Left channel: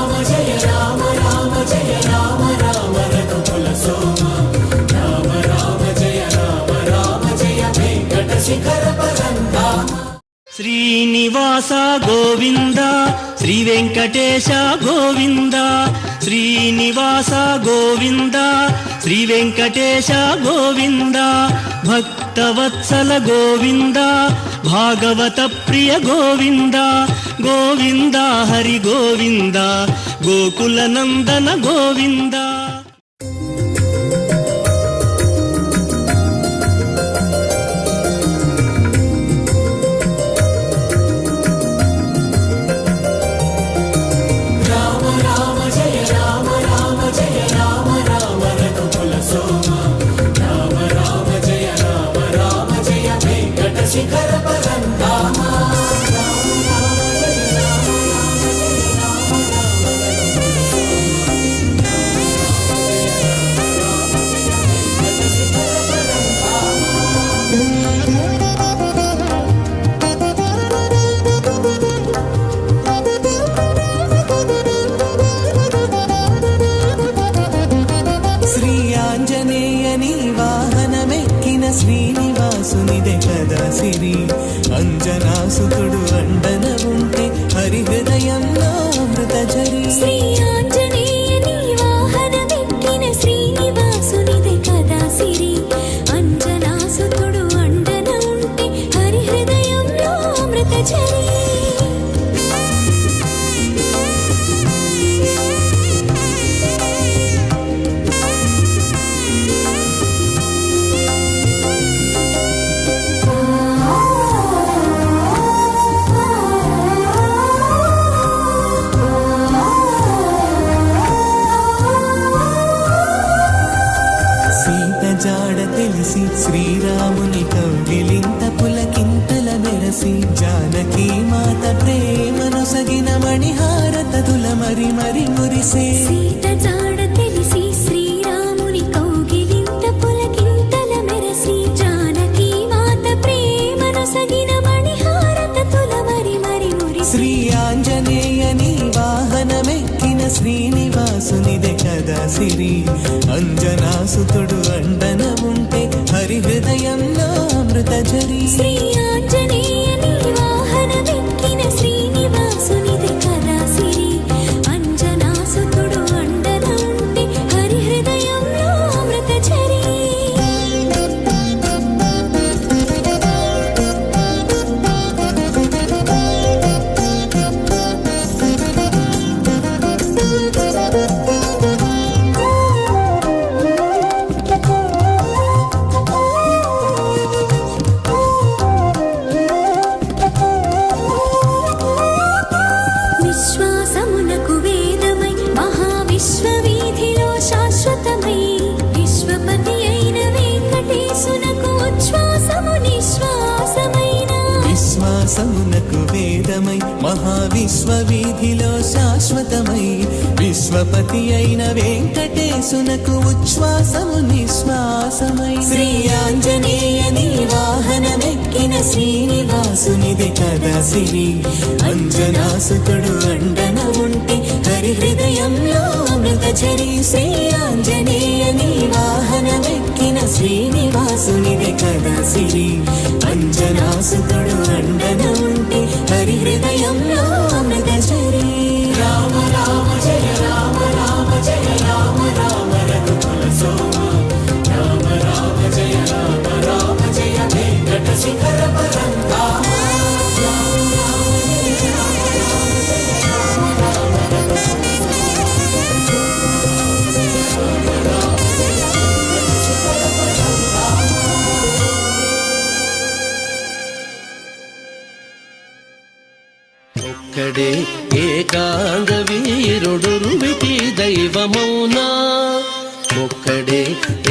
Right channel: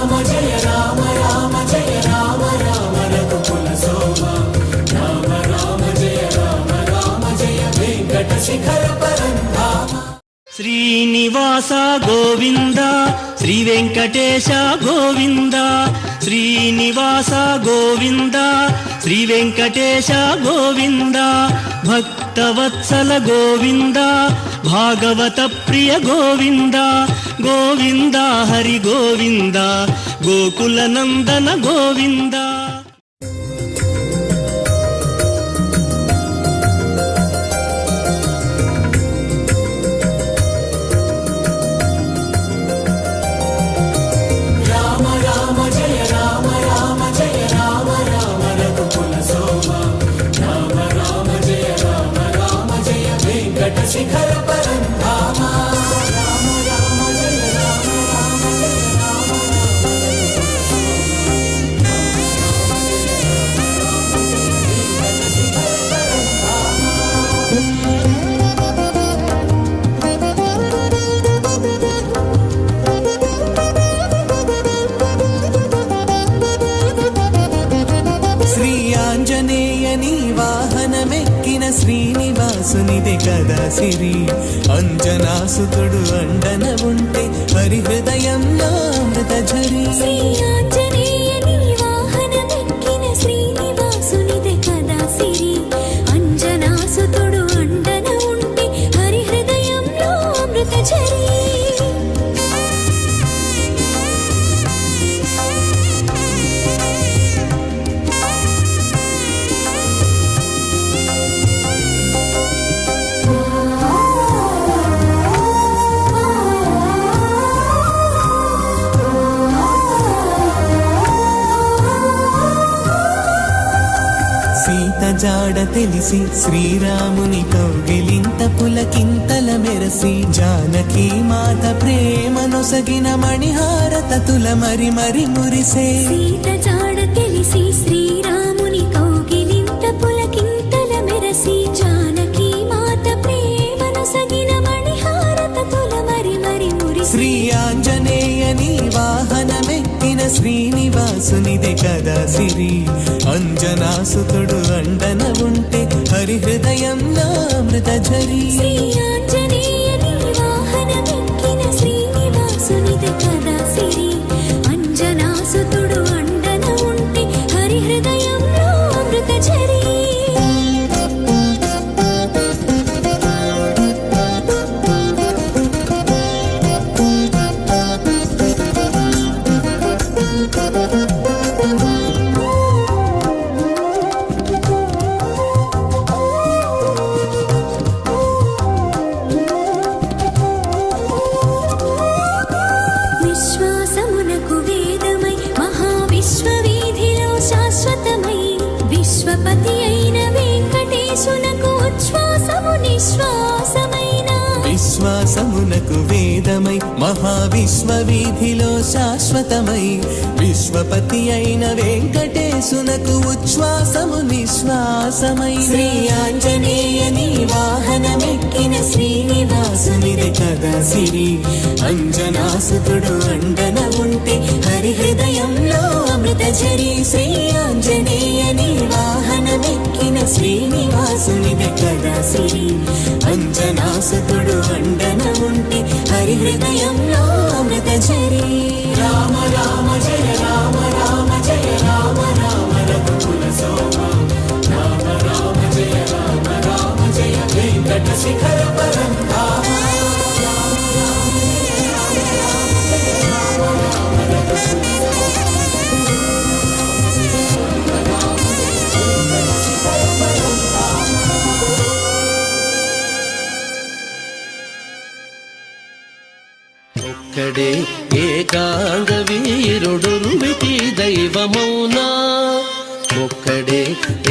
రామ జయ రామ రామ జయ రామ రామ రఘుకుల సోమ రామ రామ జయ వెంకట శిఖర పరంధామ. శ్రీనివాస గోవింద శ్రీ వెంకటేశ గోవింద శ్రీనివాస గోవింద శ్రీ వెంకటేశ గోవింద భక్తవత్సల గోవింద భాగవత ప్రియ గోవింద గోవింద హరి గోవింద గోకుల నందన గోవింద. శ్రీనివాసునిదే కదా సిరి అంజనాసుతుడు అండన ఉంటే హరి హృదయంలో హృదయరి. శ్రీ ఆంజనేయని వాహనమెక్కిన శ్రీనివాసునిదే కదా సిరి అంజనాసుతుడు అండన ఉంటే హరి హృదయంలో అమృతజరి. శ్రీరాముని కౌగిలింత పులకింతల వెరసి జానకి మాత ప్రేమను సగిన మణిహారతతుల మరి మరి మురిసే. సీత జాడ తెలిసి శ్రీరాముని కౌగిలింత పులకింతల మెరసి జానకి మాత ప్రేమను సగిన మణిహారతతుల మరి మరి మురిసే. శ్రీ ఆంజనేయని వాహనమెక్కిన శ్రీనివాసునిదే కదా సిరి అంజనాసుతుడు అండన ఉంటే హరి హృదయంలో అమృతజరి. శ్రీ ఆంజనేయని వాహనమెక్కిన శ్రీనివాసునిదే కదా సిరి అంజనాసుతుడు అండన ఉంటే హరి హృదయంలో అమృతజరి. విశ్వాసమునకు వేదమై మహావిశ్వవీధిలో శాశ్వతమై విశ్వపతి అయిన వెంకటేశునకు ఉచ్ఛ్వాసము నిశ్వాసమైన. విశ్వాసమునకు వేదమై మహావిశ్వవీధిలో శాశ్వతమై విశ్వపతి అయిన వెంకటేశునకు ఉచ్ఛ్వాసము నిశ్వాసమై. శ్రీ ఆంజనేయని వాహనమెక్కిన శ్రీనివాసునిదే కదా సిరి అంజనాసుతుడు అండన ఉంటే హరి హృదయంలో అమృతజరి. శ్రీ ఆంజనేయని వాహనమెక్కిన శ్రీనివాసునిదే కదా సిరి అంజనాసుతుడు అండన ఉంటే హరి హృదయంలో అమృతజరి. రామ రామ జయ రామ రామ జయ రామ రామ రఘుకుల సోమ రామ రామ జయ వెంకట శిఖర పరంధామ. ఒక్కడే ఏకాంగ వీరుడురువికి దైవమౌనా ఒక్కడే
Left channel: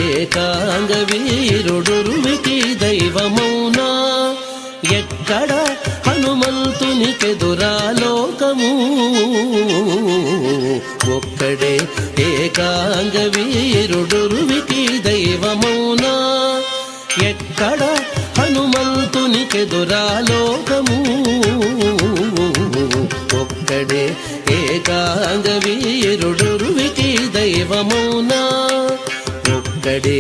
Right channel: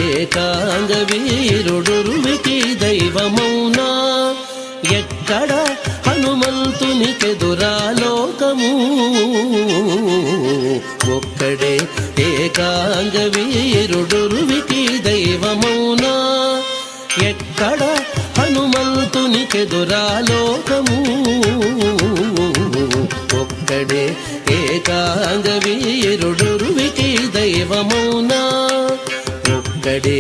ఏకాంగ వీరుడురువికి దైవమౌనా ఎక్కడ హనుమంతునికెదురాలోకము ఒక్కడే ఏకాంగ వీరుడురువికి దైవమౌనా ఎక్కడ హనుమంతునికెదురాలోకము ఒక్కడే ఏకాంగ వీరుడురువికి దైవమౌనా ఒక్కడే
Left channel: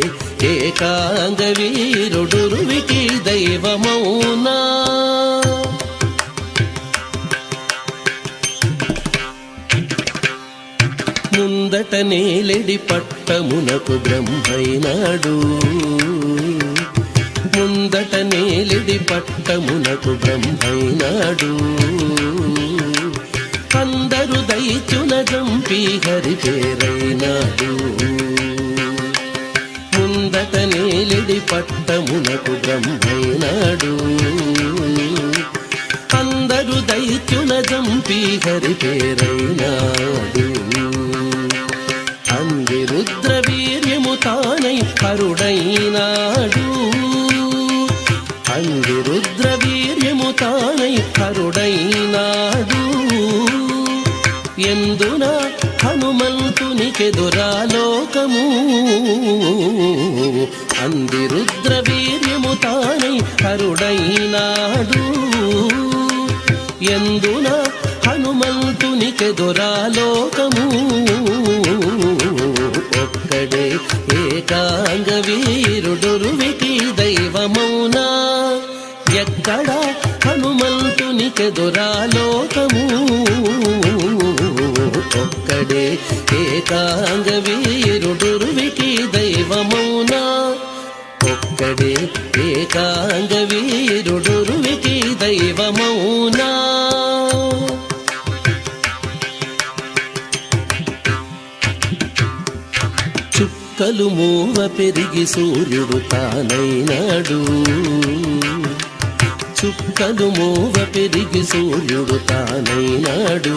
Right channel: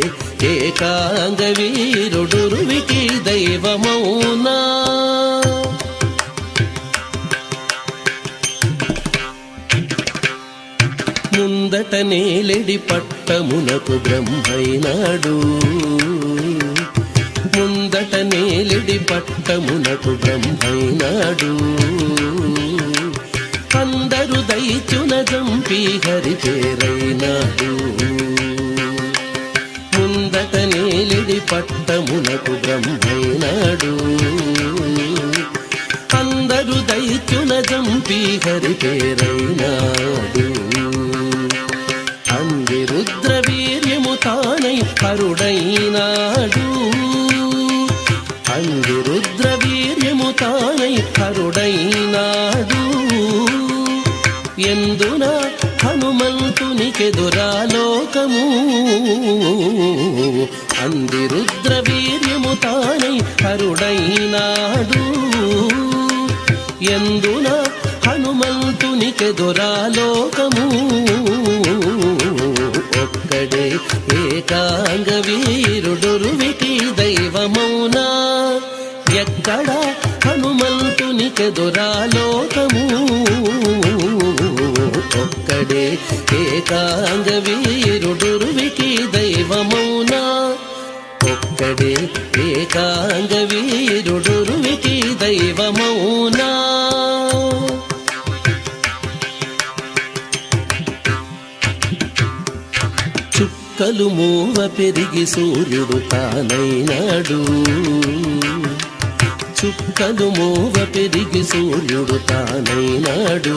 ఏకాంగ వీరుడురువికి దైవమౌనా ముందట నేలెడి పట్టమునకు బ్రహ్మైనాడు ముందట నేలెడి పట్టమునకు బ్రహ్మైనాడు అందరు దైత్యున జంపి హరి పేరైనాడు ముందట నేలెడి పట్టమునకు బ్రహ్మైనాడు అందరు దైత్యున జంపి హరి పేరైనాడు అందిరుద్ర వీర్యము తానై హరుడైనాడు అందిరుద్ర వీర్యము తానై హరుడైనాడు ఎందున హనుమంతునికెదురాలోకము అందిరుద్ర వీర్యము తానై హరుడైనాడు ఎందున హనుమంతునికెదురాలోకము ఒక్కడే ఏకాంగ వీరుడురువికి దైవమౌనా ఎక్కడ హనుమంతునికెదురాలోకము ఒక్కడే ఏకాంగ వీరుడురువికి దైవమౌనా ఒక్కడే ఏకాంగ వీరుడురువికి దైవమౌనా చుక్కలు మూవ పెరిగి సూర్యుడు తానైనాడు చుక్కలు మూవ పెరిగి సూర్యుడు తానైనాడు